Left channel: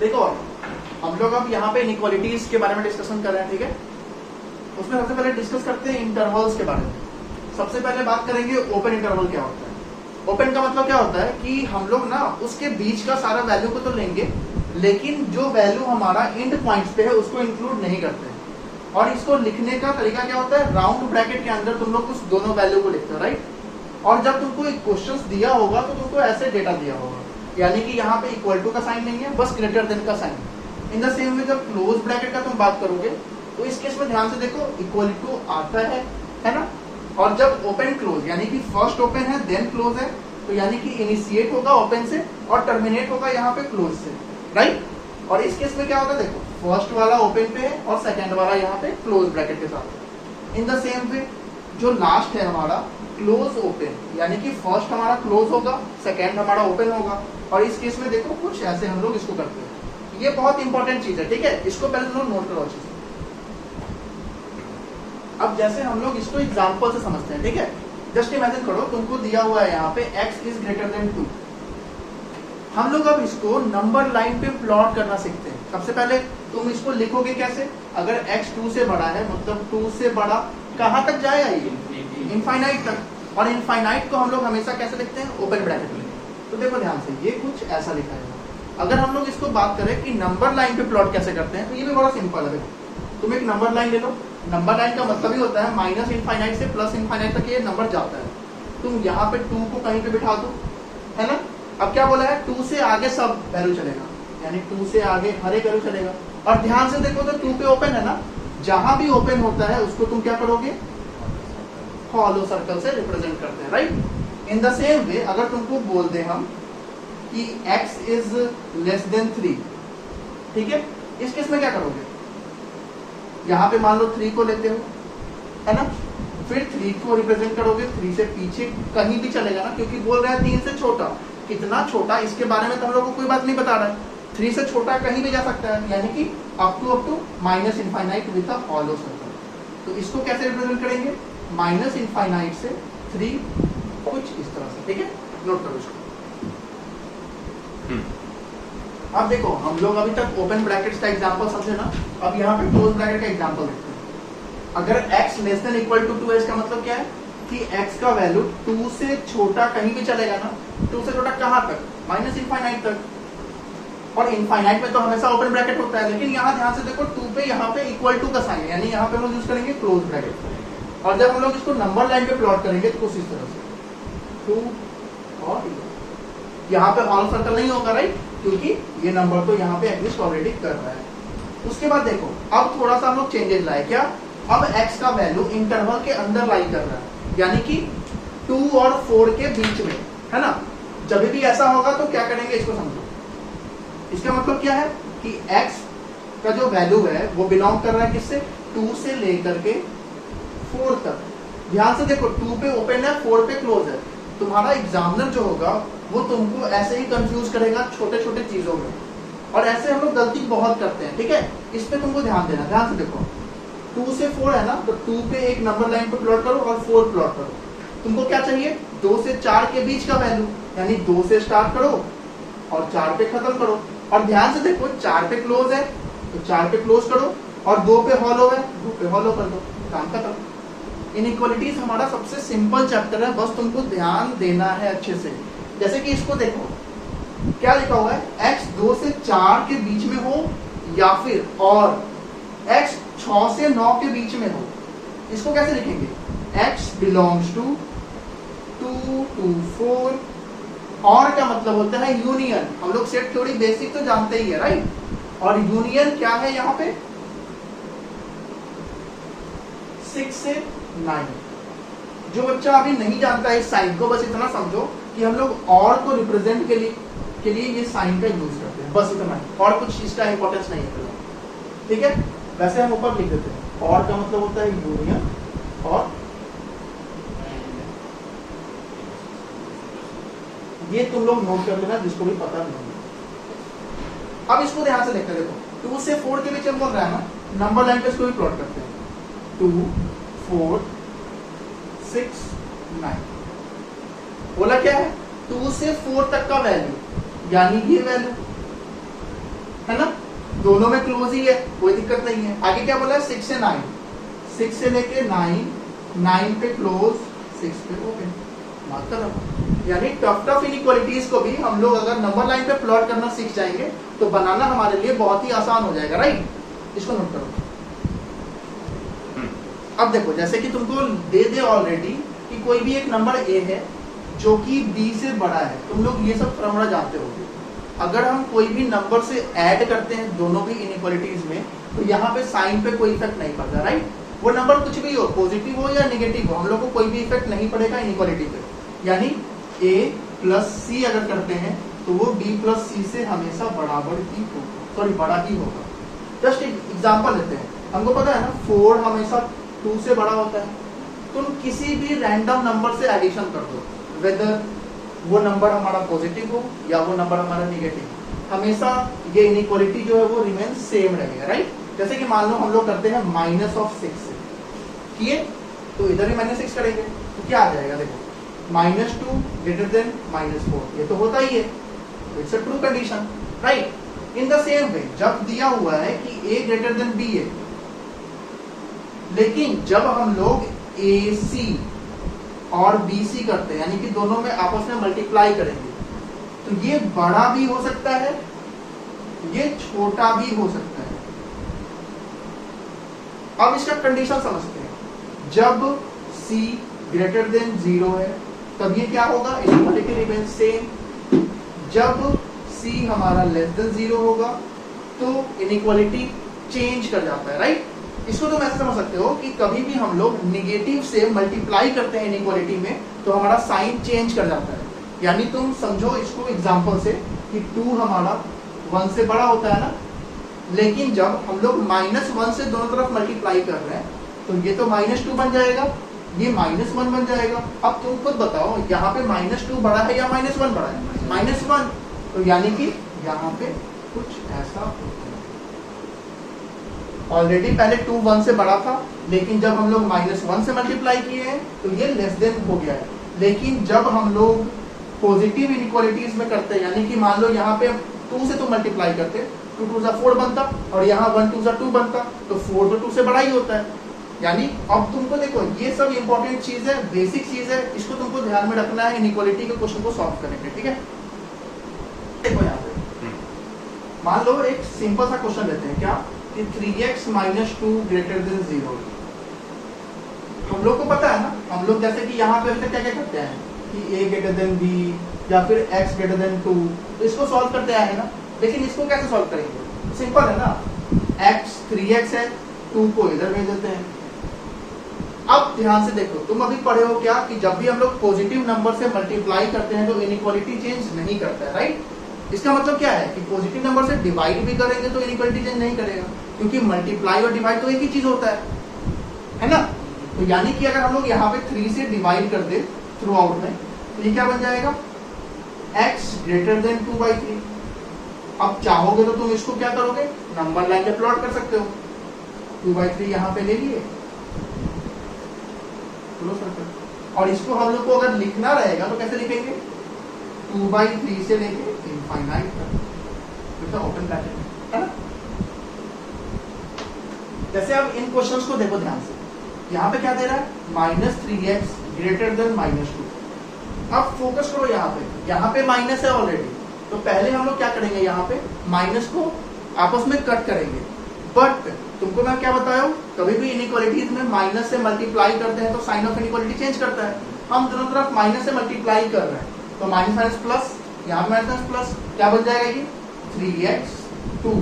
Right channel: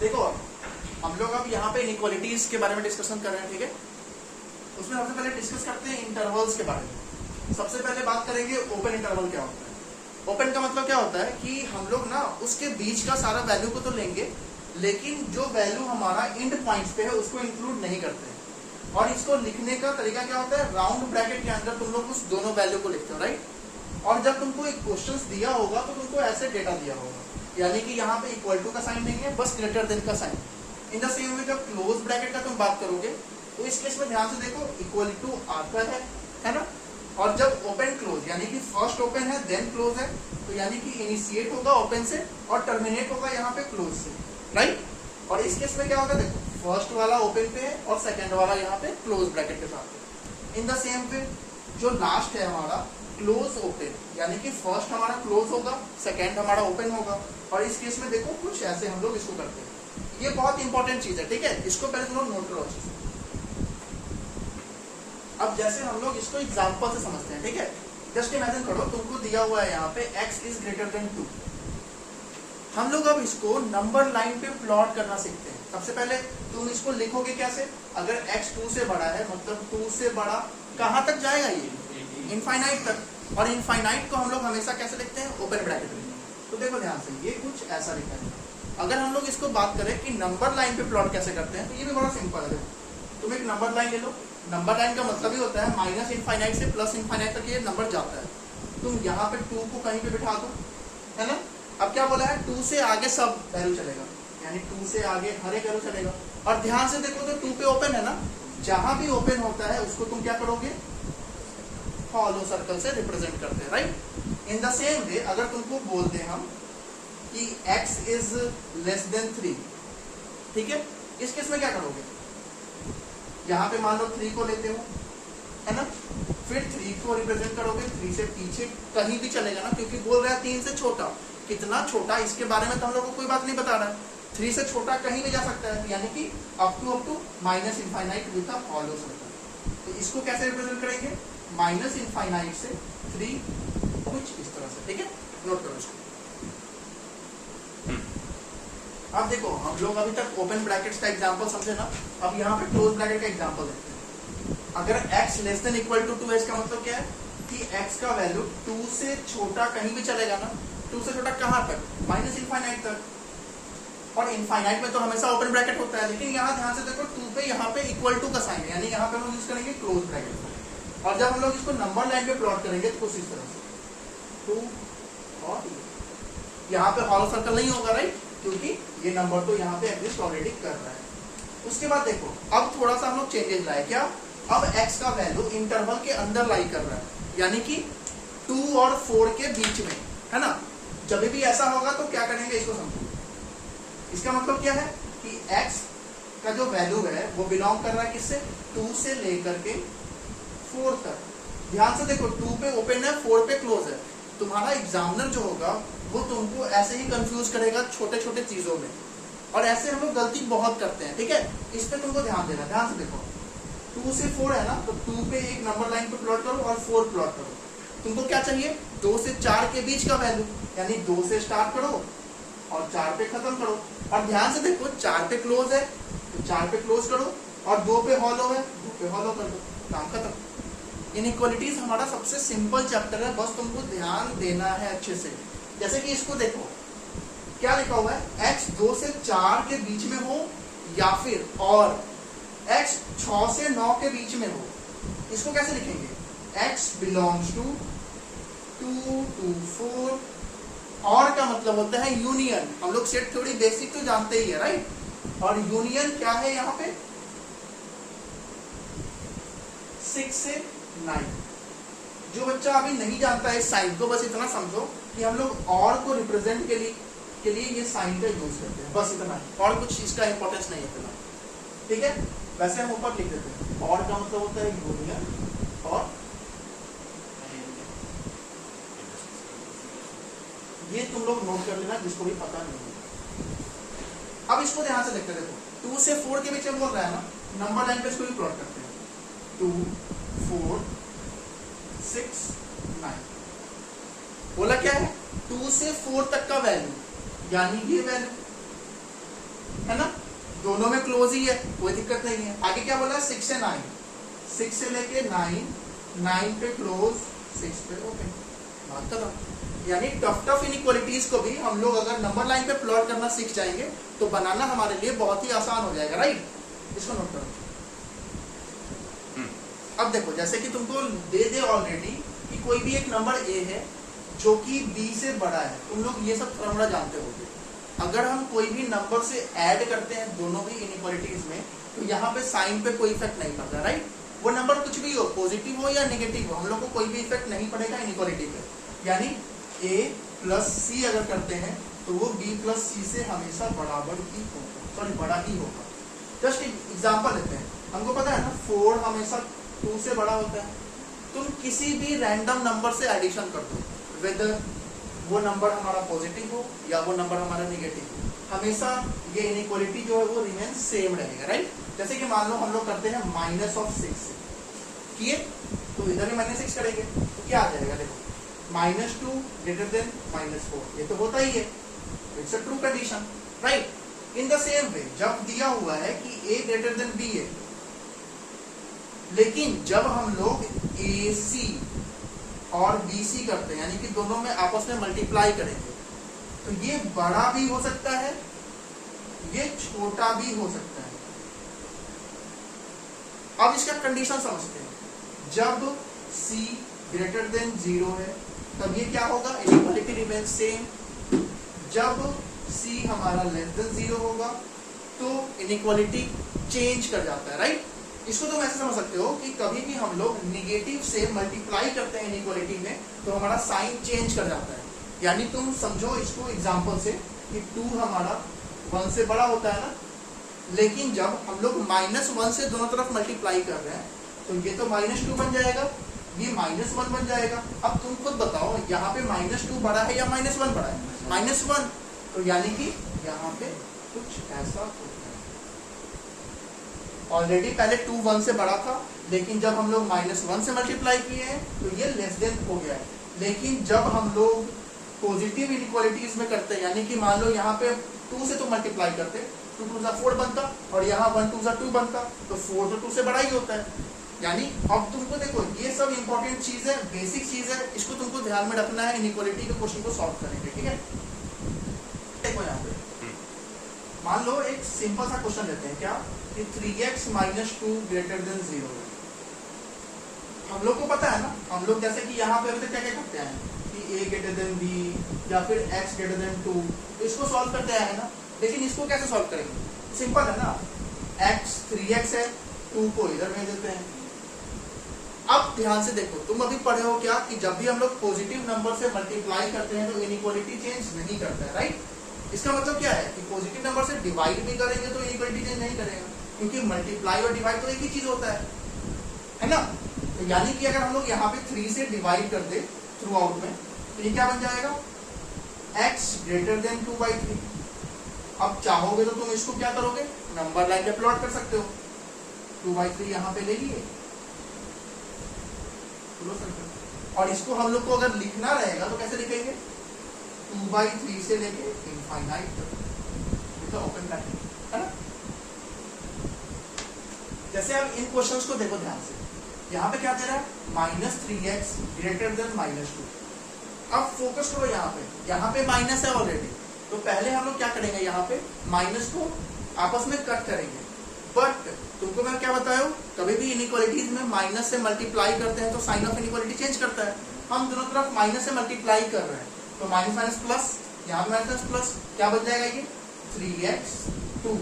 देखो हम लोग अब यहाँ पे इनइक्वालिटीज के बारे में डिस्कशन कर रहे हैं, ठीक है। उसमें सबसे पहले डिस्कस करते हैं इंटरवल्स के बारे में। सबसे पहले बात करेंगे ओपन इंटरवल क्या होता है। ओपन का मतलब क्या होता है कि हम लोग ना उसके बीच का सारा वैल्यू को तो लेंगे, लेकिन जो वैल्यू हमारा एंड पॉइंट्स पे है उसको इंक्लूड नहीं करते। और इसको लिखने का तरीका क्या होता है, राउंड ब्रैकेट के अंदर तुम लोग उस दोनों वैल्यू को लिखते हो, राइट। और जब तुमको एक क्वेश्चन दिया होगा तो तुमको ऐसे डेटा दिया होगा, यानी कि यहाँ पे इक्वल टू का साइन नहीं है, बस ग्रेटर देन का sign. In the same way जब क्लोज ब्रैकेट का तुम बात करोगे तो इस केस में ध्यान से देखो इक्वल टू आता है ना। और जब ओपन क्लोज यानी कि फर्स्ट ओपन है देन क्लोज है, तो यानी कि इनिशिएट होगा ओपन से और टर्मिनेट होगा यहाँ पे क्लोज से, राइट। और इस केस में क्या होगा, देखो फर्स्ट वाला ओपन पे है और सेकेंड वाला यहाँ पे क्लोज ब्रैकेट के साथ। इन द सेम वे जो लास्ट है हमारा क्लोज ओपन, यानी कि फर्स्ट हमारा क्लोज होगा, सेकेंड हमारा ओपन होगा। और इस केस में देखो कुछ ऐसे हम लोग इसको करते हैं। ये बहुत इंपॉर्टेंट चीज है, ठीक है, इसको पहले तुम लोग नोट करो अच्छे से। अब जैसे हम लोग इसको एग्जांपल से समझते हैं, ठीक है। जस्ट इमेजिन करो तुमको दिया हुआ है यहाँ पे x इज ग्रेटर देन 2। हम लोग अब इसको नंबर लाइन पे प्लॉट करना सीखते हैं। सबसे पहले तुम इसको लिखोगे कैसे, अगर x 2 से बड़ा है मतलब 2 से बड़ा कहाँ तक जाएगा, ये इनफाइनाइट तक। और इनफाइनाइट को हम लोग हमेशा कैसे लिखते हैं, ओपन ब्रैकेट में। तो देखो ध्यान से, ये कुछ ऐसा लिखा है। अगर हम लोग इसको बात करें कि नंबर लाइन पे प्लॉट कैसे करते हैं, तो ये भी बड़ा सिंपल है। तुम एक नंबर लाइन ले लो, नंबर लाइन का मतलब ही होता है माइनस इनफाइनाइट से प्लस इनफाइनाइट तक ये नंबर जाता है। तुम यहाँ पे 2 को कहीं पे बिठा दो, है ना। अब क्या बोला है, 2 से आगे सब वैल्यू चलेगा, यानी 2 से आगे हर एक वैल्यू चलेगा। और ध्यान से देखो तो 2 पे ओपन है ना, जहां भी ओपन होता है उसको तुम क्या करोगे, हॉलो सर्कल से रिप्रेजेंट करते हैं, राइट। इन द सेम वे अगर तुमको बोल दे हम कि x इज लेस देन 3, ठीक है, इस केस में क्या करोगे, यहाँ पे मान लो 3 को लेते हो, है ना, फिर 3 को रिप्रेजेंट करोगे, 3 से पीछे कहीं भी चलेगा ना, क्योंकि बोल रहा है 3 से छोटा। कितना छोटा इसके बारे में तो हम लोग को कोई बात नहीं बता रहा है, 3 से छोटा कहीं भी जा सकता है, यानी कि up to minus infinite with a hollow circle. तो इसको कैसे रिप्रेजेंट करेंगे, माइनस इनफाइनाइट से 3 कुछ इस तरह से, ठीक है, नोट करो इसको। अब देखो हम लोग अभी तक ओपन ब्रैकेट्स का एग्जांपल समझे ना, अब यहाँ पे क्लोज ब्रैकेट का एग्जांपल देखते हैं। अगर x less than equal to 2 है, इसका मतलब क्या है कि x का वैल्यू 2 से छोटा कहीं भी चलेगा ना, 2 से छोटा कहाँ तक, माइनस इनफाइनाइट तक। और इनफाइनाइट में तो हमेशा ओपन ब्रैकेट होता है, लेकिन यहाँ ध्यान से देखो 2 पे यहाँ पे इक्वल टू का साइन, यानी यहाँ पे हम यूज करेंगे क्लोज ब्रैकेट। और जब हम लोग इसको नंबर लाइन पे प्लॉट करेंगे तो कुछ इस तरह से 2 और यहाँ पे हॉलो सर्कल नहीं होगा, राइट, क्योंकि ये नंबर तो यहाँ पे एग्जिस्ट ऑलरेडी कर रहा है। उसके बाद देखो अब थोड़ा सा हम लोग चेंजेस लाए, क्या, अब x का वैल्यू इंटरवल के अंदर लाई कर रहा है, यानी कि 2 और 4 के बीच में, है ना। जब भी ऐसा होगा तो क्या करेंगे, इसको समझो। इसका मतलब क्या है कि x का जो वैल्यू है वो बिलोंग कर रहा है किससे, 2 से लेकर के 4 तक। ध्यान से देखो 2 पे ओपन है, 4 पे क्लोज है। तुम्हारा एग्जामिनर जो होगा वो तुमको ऐसे ही कंफ्यूज करेगा छोटे छोटे चीजों में, और ऐसे हम लोग गलती बहुत करते हैं, ठीक है। इस पे तुमको ध्यान देना। ध्यान से देखो 2 से 4 है ना, तो 2 पे एक नंबर लाइन पे प्लॉट करो और 4 प्लॉट करो। तुमको क्या चाहिए, 2 से 4 के बीच का वैल्यू, यानी 2 से स्टार्ट करो और 4 पे खत्म करो। और ध्यान से देखो 4 पे क्लोज है तो 4 पे क्लोज करो, और 2 पे हॉलो है 2 पे हॉलो कर दो, काम खत्म। इनइक्वालिटीज हमारा सबसे सिंपल चैप्टर है, बस तुमको ध्यान देना है अच्छे से। जैसे कि इसको देखो क्या लिखा हुआ है, x 2 से 4 के बीच में हो या फिर और x 6 से 9 के बीच में हो। इसको कैसे लिखेंगे, x बिलोंग्स टू 2 to 4। और का मतलब होता है यूनियन। हम लोग सेट थ्योरी बेसिक तो जानते ही है, राइट। और यूनियन क्या है यहाँ पे, 6 से 9। जो बच्चा अभी नहीं जानता है इस साइन को, बस इतना समझो कि हम लोग और को रिप्रेजेंट के लिए ये साइन का यूज करते हैं, बस इतना है, और कुछ इसका इंपॉर्टेंस नहीं है, ठीक है। वैसे हम ऊपर लिख देते हैं, और का मतलब होता है यूनियन, और ये तुम लोग नोट कर लेना जिसको भी पता नहीं। अब इसको ध्यान से देखते, देखो 2 से 4 के बीच में बोल रहा है ना, नंबर लाइन पे इसको भी प्लॉट करते हैं, 2 4 6 9। बोला क्या है, 2 से 4 तक का वैल्यू, यानी ये वैल्यू, है ना। दोनों में क्लोज ही है, कोई दिक्कत नहीं है। आगे क्या बोला है, 6 से 9, 6 से लेके 9, 9 पे क्लोज, 6 पे ओपन। यानी टफ इनइक्वालिटीज को भी हम लोग अगर नंबर लाइन पे प्लॉट करना सीख जाएंगे तो बनाना हमारे लिए बहुत ही आसान हो जाएगा, राइट। इसको नोट करो। अब देखो, जैसे कि तुमको दे दे ऑलरेडी कि कोई भी एक नंबर ए है जो कि बी से बड़ा है, तुम लोग ये सब फॉर्मूला जानते होगे। अगर हम कोई भी नंबर से ऐड करते हैं दोनों की इनइक्वालिटीज में, तो यहाँ पे साइन पे कोई इफेक्ट नहीं पड़ता, राइट। वो नंबर कुछ भी हो, पॉजिटिव हो या नेगेटिव हो, हम लोग को कोई भी इफेक्ट नहीं पड़ेगा इनइक्वालिटी पे। यानी a प्लस सी अगर करते हैं तो वो b प्लस सी से हमेशा बराबर ही होगा, सॉरी बड़ा ही होगा। जस्ट एक एग्जांपल लेते हैं, हमको पता है ना 4 हमेशा 2 से बड़ा होता है। तुम किसी भी रैंडम नंबर से एडिशन कर दो, वेदर वो नंबर हमारा पॉजिटिव हो या वो नंबर हमारा नेगेटिव, हमेशा ये इनइक्वालिटी जो है वो रिमेन सेम रहेगा, राइट। जैसे कि मान लो हम लोग करते हैं -6 से किए, तो इधर भी -6 करेंगे तो क्या आ जाएगा, देखो -2 ग्रेटर देन -4, ये तो होता ही है, it's a true condition, right. In the same way जब दिया हुआ है कि a ग्रेटर देन b है, लेकिन जब हम लोग AC और BC करते हैं, यानी कि दोनों में आपस में मल्टीप्लाई करेंगे, तो ये बड़ा भी हो सकता है, ये छोटा भी हो सकता है। अब इसका कंडीशन समझते हैं। जब C ग्रेटर देन 0 है तब ये क्या होगा, इनइक्वालिटी रिमेन सेम। जब C हमारा लेस देन 0 होगा तो इनइक्वालिटी चेंज कर जाता है, राइट। इसको तुम ऐसे समझ सकते हो कि कभी भी हम लोग निगेटिव से मल्टीप्लाई करते हैं इनइक्वालिटी में तो हमारा साइन चेंज कर जाता है। यानी तुम समझो इसको एग्जांपल से कि 2 हमारा 1 से बड़ा होता है ना, लेकिन जब हम लोग -1 से दोनों तरफ मल्टीप्लाई कर रहे हैं तो ये तो -2 बन जाएगा, ये -1 बन जाएगा। अब तुम खुद बताओ यहाँ पे -2 बड़ा है या -1 बड़ा है, -1, तो यानी कि यहाँ पे कुछ ऐसा होता है। ऑलरेडी पहले 2 1 से बड़ा था, लेकिन जब हम लोग -1 से मल्टीप्लाई किए हैं तो ये लेस देन हो गया है। लेकिन जब हम लोग पॉजिटिव इनइक्वालिटीज में करते हैं, यानी कि मान लो यहाँ पे 2 से तो मल्टीप्लाई करते, 2 2 सा 4 बनता और यहाँ 1 2 सा 2 बनता, तो 4 तो 2 से बड़ा ही होता है। यानी अब तुमको देखो ये सब इंपॉर्टेंट चीज है, बेसिक चीज है, इसको तुमको ध्यान में रखना है इनइक्वालिटी के क्वेश्चन को सॉल्व करेंगे, ठीक है। देखो यहाँ पे मान लो एक सिंपल सा क्वेश्चन लेते हैं, क्या कि 3x - 2 ग्रेटर देन 0। हम लोग को पता है ना, हम लोग जैसे कि यहाँ पे क्या क्या करते हैं कि a ग्रेटर देन b या फिर x ग्रेटर देन 2, तो इसको सॉल्व करते हैं ना। लेकिन इसको कैसे सॉल्व करेंगे, सिंपल है ना, x 3x है, 2 को इधर भेज देते हैं। अब ध्यान से देखो, तुम अभी पढ़े हो क्या कि जब भी हम लोग पॉजिटिव नंबर से मल्टीप्लाई करते हैं तो इनइक्वालिटी चेंज नहीं करता है, राइट। इसका मतलब क्या है कि पॉजिटिव नंबर से डिवाइड भी करेंगे तो इनइक्वालिटी चेंज नहीं करेगा, क्योंकि मल्टीप्लाई और डिवाइड तो एक ही चीज होता है ना। तो यानी कि अगर हम लोग यहाँ पे 3 से डिवाइड कर दे थ्रू आउट में, तो ये क्या बन जाएगा, x ग्रेटर देन 2/3। अब चाहोगे तो तुम इसको क्या करोगे, नंबर लाइन पे प्लॉट कर सकते हो। 2/3 यहाँ पे ले लिए, और इसको हम लोग को अगर लिखना रहेगा तो कैसे लिखेंगे, 2/3 से लेके इनफाइनाइट तक, ओपन ब्रैकेट है ना। जैसे अब इन क्वेश्चंस को देखो ध्यान से, यहाँ पे क्या दे रहा है, -3x ग्रेटर देन -2। अब फोकस करो यहाँ पे माइनस है ऑलरेडी, तो पहले हम लोग क्या करेंगे, यहाँ पे माइनस को आपस में कट करेंगे। बट तुमको मैं क्या बताया हूँ, कभी भी इनइक्वालिटीज में माइनस से मल्टीप्लाई करते हैं तो साइन ऑफ इनइक्वालिटी चेंज करता है। हम दोनों तरफ माइनस से मल्टीप्लाई कर रहे हैं तो माइनस प्लस, यहाँ पे माइनस प्लस, क्या बन जाएगा ये 3x 2।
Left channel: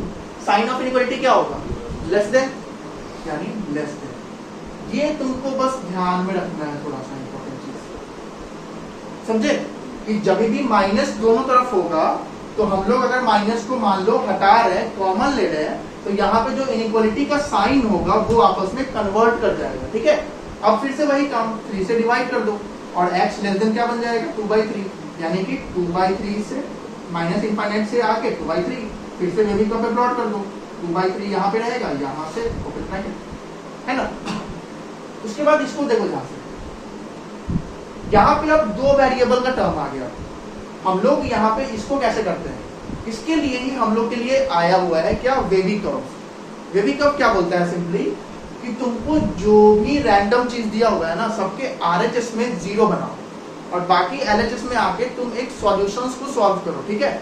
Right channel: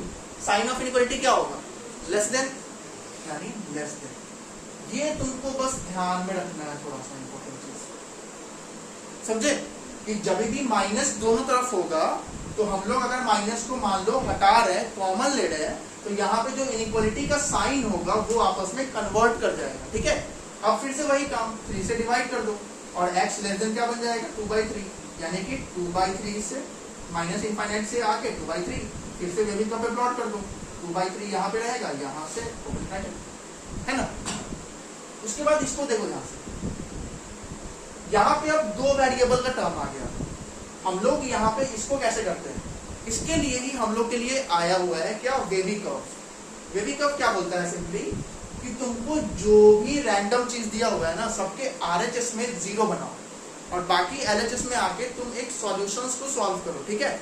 साइन ऑफ इनइक्वालिटी क्या होगा, लेस देन, यानी लेस देन। ये तुमको बस ध्यान में रखना है, थोड़ा सा इंपॉर्टेंट चीज समझे, कि जब भी माइनस दोनों तरफ होगा तो हम लोग अगर माइनस को मान लो हटा रहे हैं, कॉमन ले रहे हैं, तो यहाँ पे जो इनइक्वालिटी का साइन होगा वो आपस में कन्वर्ट कर जाएगा, ठीक है। अब फिर से वही काम, 3 से डिवाइड कर दो और x लेस देन क्या बन जाएगा, 2/3, यानी कि 2/3 से माइनस इनफाइनाइट से आके 2/3, फिर से वेरिएबल पे प्लॉट कर दो, 2/3 यहाँ पे रहेगा, यहाँ से ओपन ब्रैकेट है ना। उसके बाद इसको देखो ध्यान से, यहाँ पे अब 2 वेरिएबल का टर्म आ गया। हम लोग यहाँ पे इसको कैसे करते हैं, इसके लिए ही हम लोग के लिए आया हुआ है क्या, वेवी कर्व। वेवी कर्व क्या बोलता है, सिंपली कि तुमको जो भी रैंडम चीज दिया हुआ है ना, सबके आरएचएस में 0 बनाओ और बाकी एलएचएस में आके तुम एक सॉल्यूशंस को सॉल्व करो, ठीक है।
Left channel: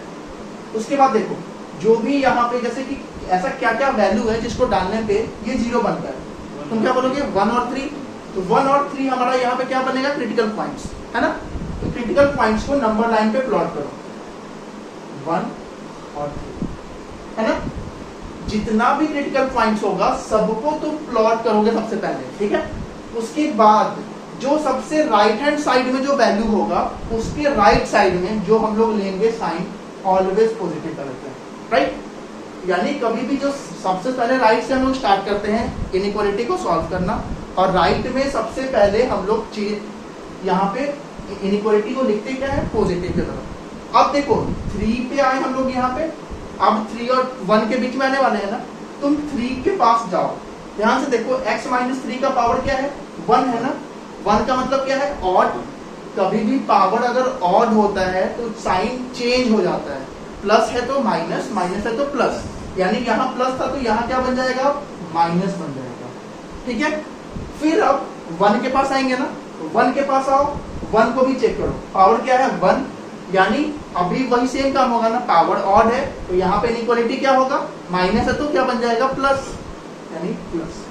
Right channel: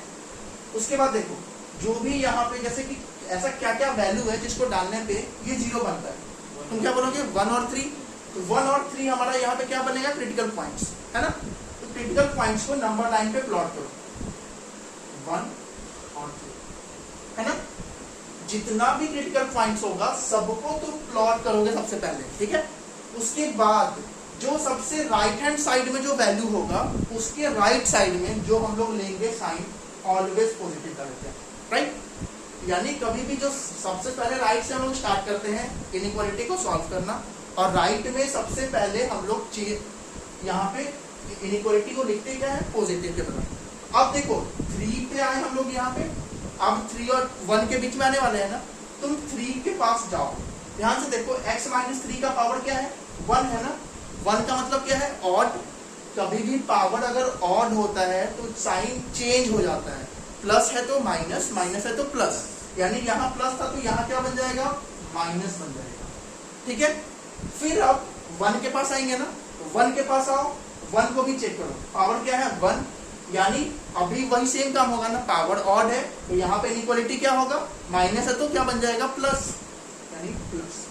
उसके बाद देखो जो भी यहाँ पे जैसे कि ऐसा क्या क्या वैल्यू है जिसको डालने पे ये 0 बनता है, तुम क्या बोलोगे 1 और 3। तो 1 और 3 हमारा यहाँ पे क्या बनेगा, क्रिटिकल पॉइंट्स, है ना। तो क्रिटिकल पॉइंट्स को नंबर लाइन पे प्लॉट करो, 1 और 3, है ना। जितना भी क्रिटिकल पॉइंट्स होगा सबको तुम प्लॉट करोगे सबसे पहले, ठीक है। उसके बाद जो सबसे राइट हैंड साइड में जो वैल्यू होगा उसके राइट साइड में जो हम लोग लेंगे साइन ऑलवेज पॉजिटिव डालेंगे, राइट। यानी कभी भी जो सबसे पहले राइट से हम लोग स्टार्ट करते हैं इनइक्वालिटी को सॉल्व करना, और राइट में सबसे पहले हम लोग यहाँ पे इनइक्वालिटी को लिखते क्या है, पॉजिटिव की तरफ। अब देखो 3 पे आए हम लोग यहाँ पे, अब 3 और 1 के बीच में आने वाले हैं ना, तुम 3 के पास जाओ, ध्यान से देखो x माइनस 3 का पावर क्या है, 1 है ना। 1 का मतलब क्या है, ऑड। कभी भी पावर अगर ऑड होता है तो साइन चेंज हो जाता है, प्लस है तो माइनस, माइनस है तो प्लस, यानी यहाँ प्लस था तो यहाँ क्या बन जाएगा, माइनस बन जाएगा, ठीक है। फिर अब 1 के पास आएंगे ना, 1 के पास आओ, 1 को भी चेक करो, पावर क्या है 1, यानी अभी वही सेम काम होगा ना, पावर ऑड है तो यहाँ पे इनइक्वालिटी क्या होगा, माइनस है तो क्या बन जाएगा, प्लस, यानी प्लस।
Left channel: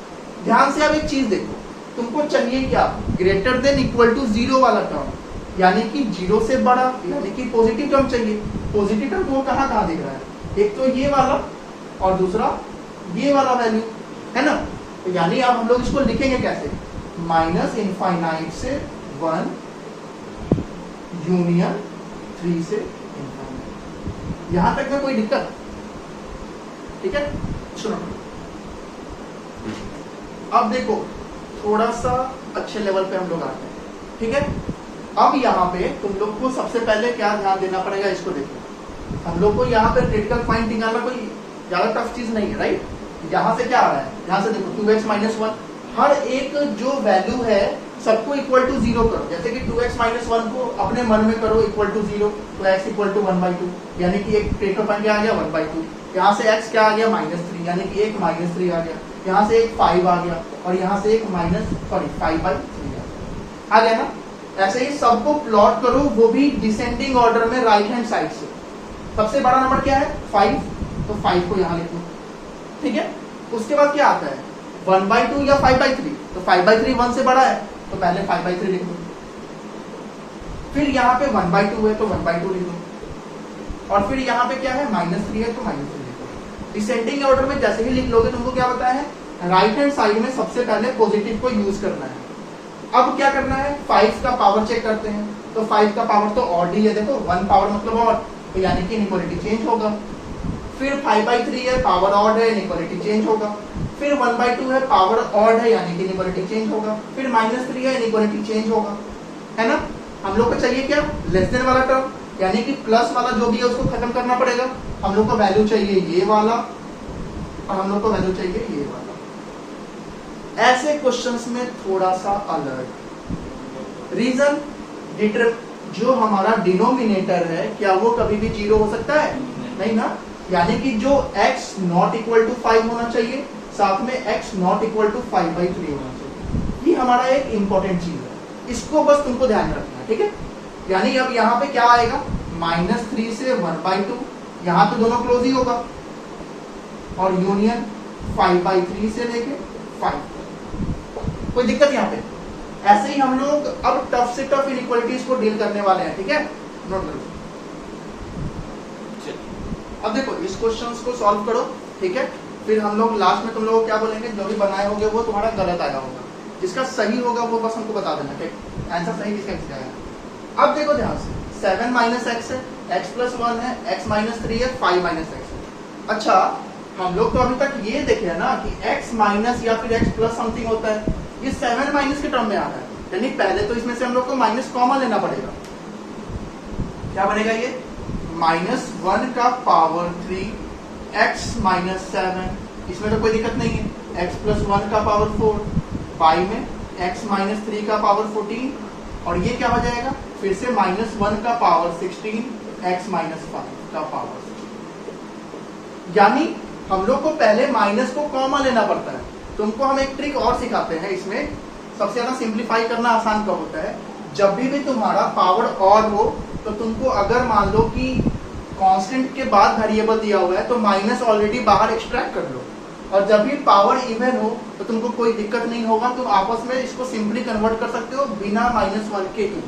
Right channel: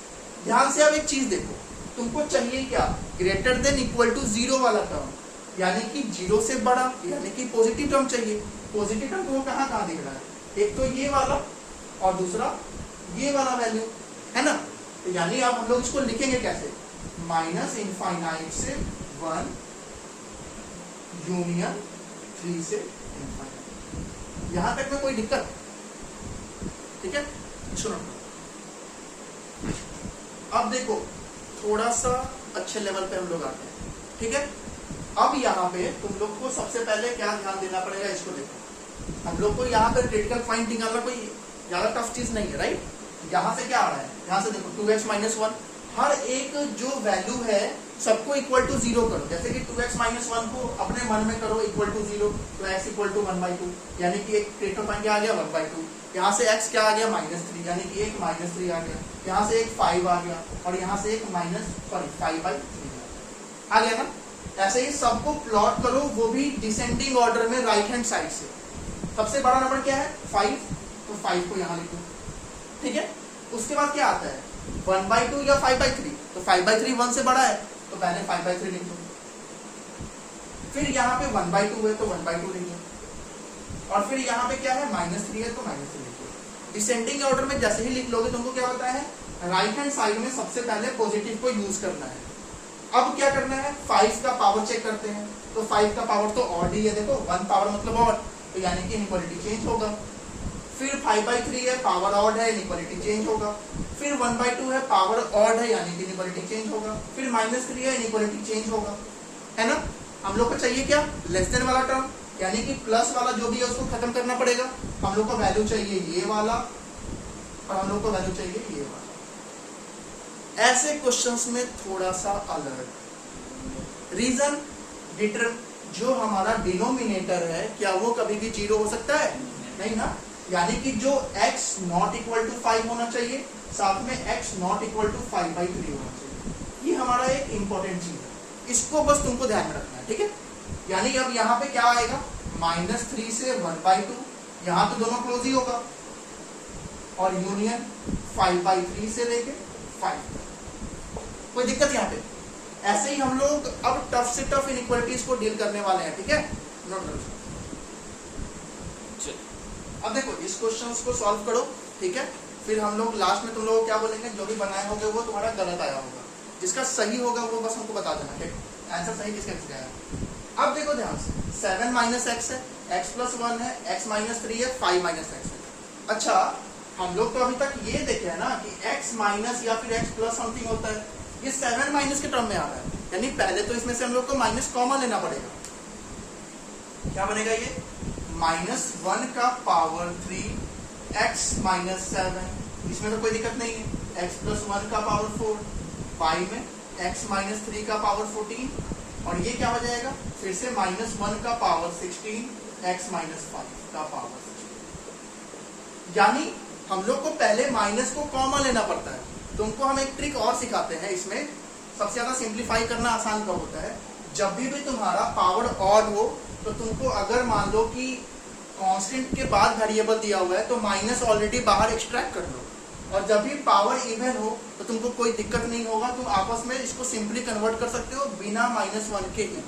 ध्यान से आप एक चीज देखो, तुमको चाहिए क्या, ग्रेटर देन इक्वल टू 0 वाला टर्म, यानी कि 0 से बड़ा, यानी कि पॉजिटिव टर्म चाहिए। पॉजिटिव टर्म वो कहाँ कहाँ दिख रहा है, एक तो ये वाला और दूसरा ये वाला वैल्यू, है ना। तो यानी अब हम लोग इसको लिखेंगे कैसे, माइनस इनफाइनाइट से 1 यूनियन 3 से इनफाइनाइट। यहां तक में कोई दिक्कत, ठीक है। सुनो अब देखो थोड़ा सा अच्छे लेवल पे हम लोग आते हैं, ठीक है। अब यहाँ पे तुम लोग को सबसे पहले क्या ध्यान देना पड़ेगा, इसको देखो। हम लोग को यहाँ पे क्रिटिकल पॉइंट निकालना कोई ज्यादा टफ चीज नहीं है, राइट। यहाँ से क्या आ रहा है, यहाँ से देखो 2x माइनस 1, हर एक जो वैल्यू है सबको इक्वल टू 0 करो। जैसे कि 2x माइनस 1 को अपने मन में करो इक्वल टू 0, तो x इक्वल टू 1/2, यानी कि एक क्रिटिकल पॉइंट क्या आ गया 1/2। यहाँ से x क्या आ गया -3, यानी कि एक -3 आ गया। यहाँ से एक 5 आ गया और यहाँ से एक 5/3 आ गया ना। ऐसे ही सबको प्लॉट करो, वो भी डिसेंडिंग ऑर्डर में राइट हैंड साइड से। सबसे बड़ा नंबर क्या है 5, तो 5 को यहाँ लिख लो, ठीक है। उसके बाद क्या आता है 1/2 या 5/3, तो 5/3 1 से बड़ा है तो पहले 5/3 लिख लो। फिर यहाँ पे 1/2 है तो 1/2 लिख लो, और फिर यहाँ पे क्या है -3 है तो -3 लिख लो। डिसेंडिंग ऑर्डर में जैसे ही लिख लोगे तुमको क्या पता है, राइट हैंड साइड में सबसे पहले पॉजिटिव को यूज करना है। अब क्या करना है, 5 का पावर चेक करते हैं, तो 5 का पावर तो ऑड ही है, देखो 1 पावर मतलब ऑड, तो यानी कि इनइक्वालिटी चेंज होगा। फिर 5/3 है, पावर ऑड है, इनइक्वालिटी चेंज होगा। फिर 1/2 है, पावर ऑड है, यानी कि इनइक्वालिटी चेंज होगा। फिर -3 है, इनइक्वालिटी चेंज होगा, है ना। हम लोग को चाहिए क्या, लेस देन वाला टर्म, यानी कि प्लस वाला जो भी है उसको खत्म करना पड़ेगा। हम लोग को वैल्यू चाहिए ये वाला और हम लोग को वैल्यू चाहिए ये वाला। ऐसे क्वेश्चंस में थोड़ा सा अलग रीजन, जो हमारा डिनोमिनेटर है क्या वो कभी भी 0 हो सकता है, नहीं ना। यानी कि जो x नॉट इक्वल टू 5 होना चाहिए, साथ में x नॉट इक्वल टू 5/3 होना चाहिए। ये हमारा एक इंपॉर्टेंट चीज है, इसको बस तुमको ध्यान रखना है, ठीक है। यानी अब यहाँ पे क्या आएगा, -3 से 1/2, यहाँ तो दोनों क्लोज ही होगा, और यूनियन 5/3 से लेके 5। कोई दिक्कत यहाँ पे। ऐसे ही हम लोग अब टफ से टफ इनइक्वालिटीज को डील करने वाले हैं, ठीक है। नोट करो। अब देखो इस क्वेश्चंस को सॉल्व करो, ठीक है। फिर हम लोग लास्ट में तुम लोग क्या बोलेंगे, जो भी बनाए होंगे वो तुम्हारा गलत आया होगा, जिसका सही होगा वो बस हमको बता देना, ठीक। आंसर सही किसका किसका आएगा। अब देखो ध्यान से, 7 माइनस x है, x प्लस 1 है, x माइनस 3 है, 5 माइनस x है। अच्छा हम लोग तो अभी तक ये देखे है ना कि x माइनस या फिर x प्लस समथिंग होता है, ये 7 माइनस के टर्म में आता है, यानी पहले तो इसमें से हम लोग को माइनस कॉमन लेना पड़ेगा। क्या बनेगा ये, -1 का पावर 3 x माइनस 7, इसमें तो कोई दिक्कत नहीं है। x प्लस 1 का पावर 4, 5 में x माइनस 3 का पावर 14, और ये क्या हो जाएगा फिर से -1 का पावर 16, x माइनस 5 का पावर 16। यानी हम लोग को पहले माइनस को कॉमन लेना पड़ता है। तुमको हम एक ट्रिक और सिखाते हैं इसमें, सबसे ज्यादा सिंप्लीफाई करना आसान कब होता है, जब भी तुम्हारा पावर ऑड हो तो तुमको अगर मान लो कि कांस्टेंट के बाद वेरिएबल दिया हुआ है तो माइनस ऑलरेडी बाहर एक्सट्रैक्ट कर लो, और जब भी पावर इवन हो तो तुमको कोई दिक्कत नहीं होगा, तुम आपस में इसको सिंपली कन्वर्ट कर सकते हो बिना -1 के ही।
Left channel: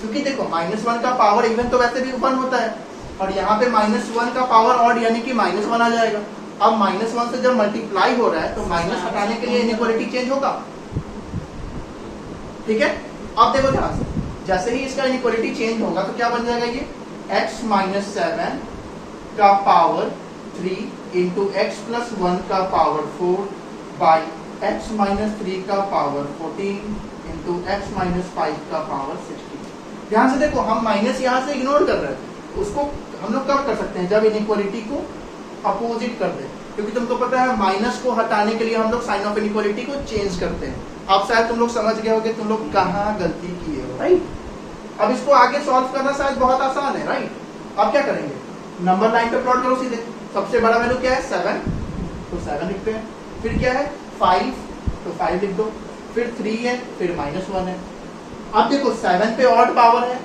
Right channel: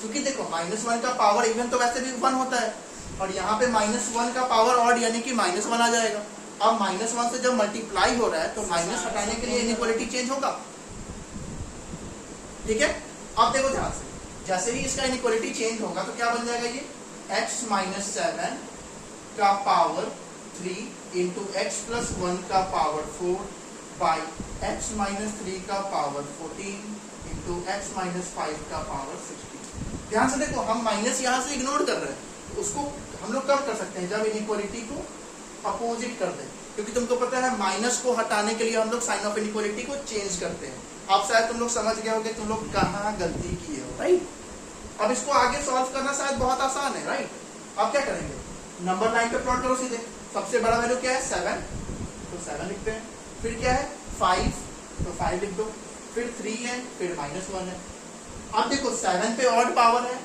क्योंकि देखो -1 का पावर इवन तो वैसे भी 1 होता है, और यहाँ पे -1 का पावर ऑड यानी कि -1 आ जाएगा। अब -1 से जब मल्टीप्लाई हो रहा है तो माइनस हटाने के लिए इनइक्वालिटी चेंज होगा, ठीक है। अब देखो ध्यान से, जैसे ही इसका इनइक्वालिटी चेंज होगा तो क्या बन जाएगा, ये x - 7 का पावर 3 इंटू x + 1 का पावर 4 बाई x - 3 का पावर 14 इंटू x - 5 का पावर 16। ध्यान से देखो, हम माइनस यहाँ से इग्नोर कर रहे हैं, उसको हम लोग कब कर सकते हैं, जब इनइक्वालिटी को अपोजिट कर दें, क्योंकि तुमको पता है माइनस को हटाने के लिए हम लोग साइन ऑफ इनइक्वालिटी को चेंज करते हैं। अब शायद तुम लोग समझ गए होगे तुम लोग कहाँ गलती की है, राइट। अब इसको आगे सॉल्व करना शायद बहुत आसान है, राइट। अब क्या करेंगे, नंबर लाइन पे प्लॉट करो सीधे। सबसे बड़ा वैल्यू क्या है 7, तो 7 लिखते हैं। फिर क्या है 5, तो 5 लिख दो। फिर 3 है, फिर -1 है। अब देखो 7 पे ऑड पावर है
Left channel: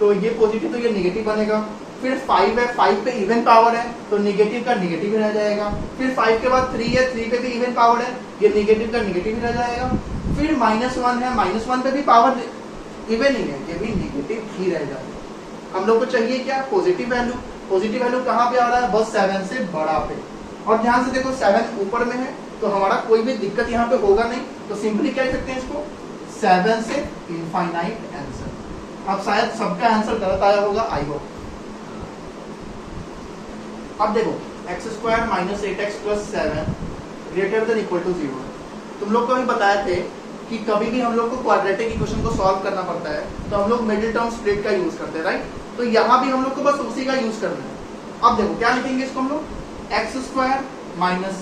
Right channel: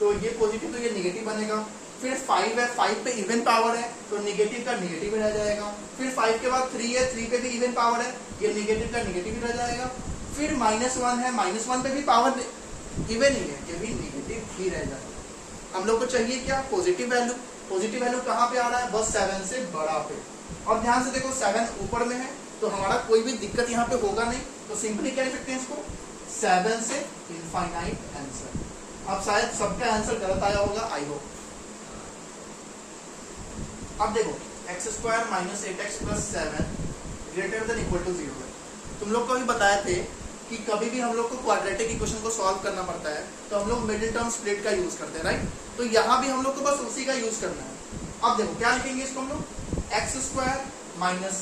तो ये पॉजिटिव तो ये निगेटिव बनेगा। फिर 5 है, 5 पे इवन पावर है तो निगेटिव का निगेटिव ही रह जाएगा। फिर 5 के बाद 3 है, 3 पे भी इवन पावर है, ये निगेटिव का निगेटिव ही रह जाएगा। फिर -1 है, -1 पे भी पावर इवन ही है, ये भी निगेटिव ही रह जाएगा। हम लोग को चाहिए क्या, पॉजिटिव वैल्यू। पॉजिटिव वैल्यू कहाँ पे आ रहा है, बस 7 से बड़ा पे। और ध्यान से देखो 7 ऊपर में है तो हमारा कोई भी दिक्कत यहाँ पे होगा नहीं, तो सिंपली क्या लिख सकते हैं इसको, 7 से इनफाइनाइट आंसर। अब शायद सबका आंसर गलत आया होगा, आई होप। अब देखो x² - 8x + 7 greater than equal to 0। तुम लोग को भी बताए थे कि कभी भी हम लोग को क्वाड्रेटिक इक्वेशन को सॉल्व करना पड़ता है तो हम लोग मिडिल टर्म स्प्लिट का यूज करते हैं, राइट। तो यहाँ भी हम लोग को बस उसी का यूज करना है। अब देखो क्या लिखेंगे इसको हम लोग, x² -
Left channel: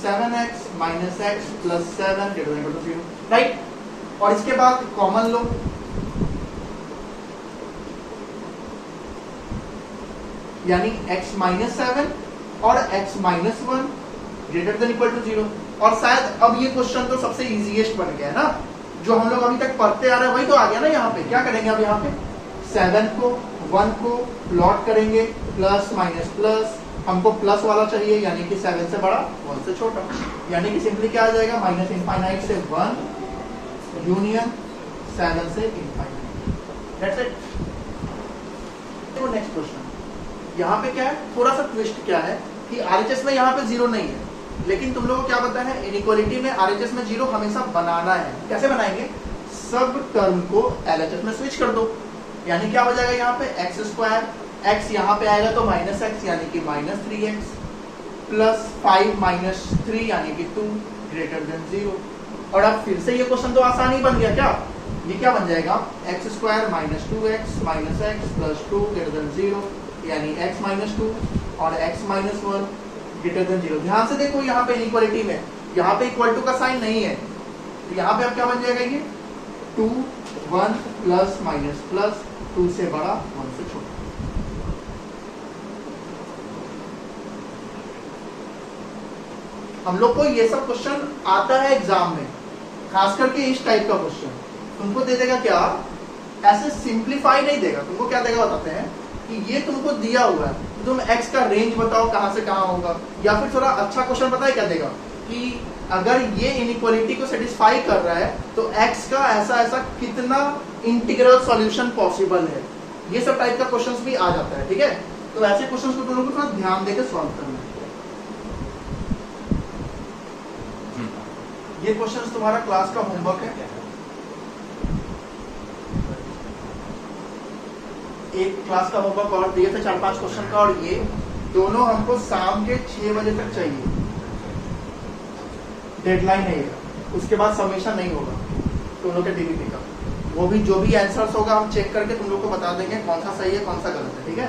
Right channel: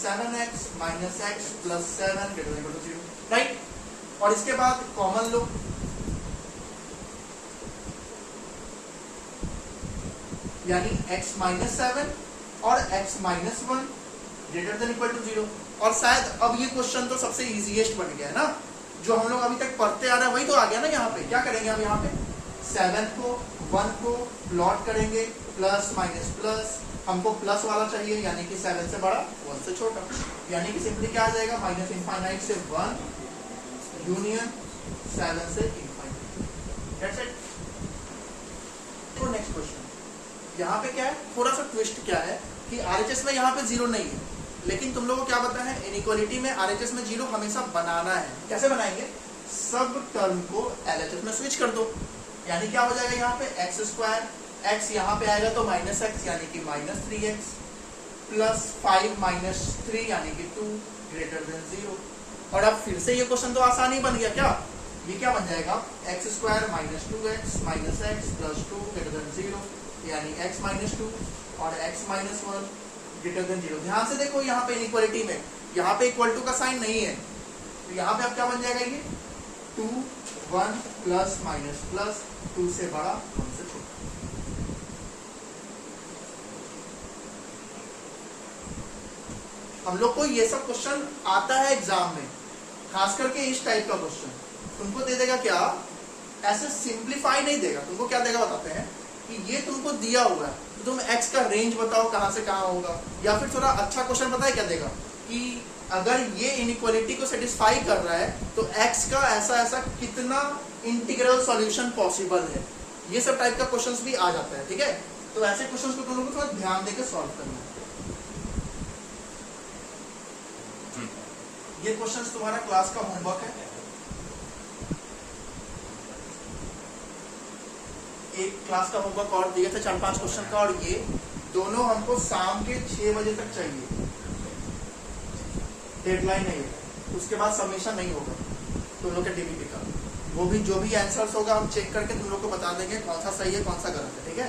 7x - x + 7 greater than equal to 0, right. और इसके बाद कॉमन लो, यानी x - 7 और x - 1 greater than equal to 0। और शायद अब ये क्वेश्चन तो सबसे इजीएस्ट बन गया है ना, जो हम लोग अभी तक पढ़ते आ रहे हैं वही तो आ गया ना। यहाँ पे क्या करेंगे, अब यहाँ पे 7 को 1 को प्लॉट करेंगे, प्लस माइनस प्लस, हमको प्लस वाला चाहिए यानी कि 7 से बड़ा 1 से छोटा, यानी कि सिंपली क्या आ जाएगा, -इनफाइनाइट से 1 यूनियन 7 से इनफाइनाइट। That's it. तो नेक्स्ट क्वेश्चन, यहाँ पे क्या है, थोड़ा सा ट्विस्ट क्या है कि आरएचएस में यहाँ पे 0 नहीं है, लेकिन तुम लोगों को क्या पता है इनइक्वालिटी में आरएचएस में 0 हमेशा बनाना है। कैसे बनाएंगे, सब टर्म को एलएचएस में स्विच कर दो, यानी क्या हो जाएगा यहाँ पे x², x यहाँ पे आएगा तो -x यानी कि -3x प्लस 5 - 3 यानी कि 2 ग्रेटर देन 0। और अब फिर से ये क्वेश्चन तो आसान ही बन गया, क्या ये क्या बन जाएगा, x² - 2x - x + 2 greater than 0 यानी x - 2 और x - 1 ग्रेटर देन 0। ध्यान से देखो यहाँ पे इनइक्वालिटी में यहाँ पे इक्वल टू का साइन नहीं है, तो यहाँ पे अब क्या बन जाएगा, ये 2 1 प्लस माइनस प्लस 2 से बड़ा 1 से छोटा। हम लोग को ये सब क्वेश्चन आता है एग्जाम में, खास करके इस टाइप का क्वेश्चन तुमको दे देगा क्या, ऐसे सिंप्लीफाई नहीं देगा, तुमको क्या देगा बताते हैं कि ये तुमको दिया हुआ है, तुम x का रेंज बताओ कहां से कहां होगा, या फिर थोड़ा अच्छा क्वेश्चन पता है क्या देगा कि अगर ये इनइक्वालिटी को सेटिस्फाई कर रहा है तो x का ऐसा ऐसा कितना इंटीग्रल सॉल्यूशन पॉसिबल है, ये सब टाइप का क्वेश्चंस भी आ जाता है, ठीक है। तो ऐसे क्वेश्चंस को तुम लोग को थोड़ा ध्यान देकर सॉल्व करना है। ये क्वेश्चंस तुम्हारा क्लास का होमवर्क है, एक क्लास का होमवर्क और दिए थे 4-5 क्वेश्चन का, और ये दोनों हमको शाम के 6 बजे तक चाहिए, डेडलाइन है, उसके बाद सबमिशन नहीं होगा तुम लोग के डीबीटी का। वो भी जो भी आंसर्स होगा हम चेक करके तुम लोग को बता देंगे कौन सा सही है कौन सा गलत है, ठीक है।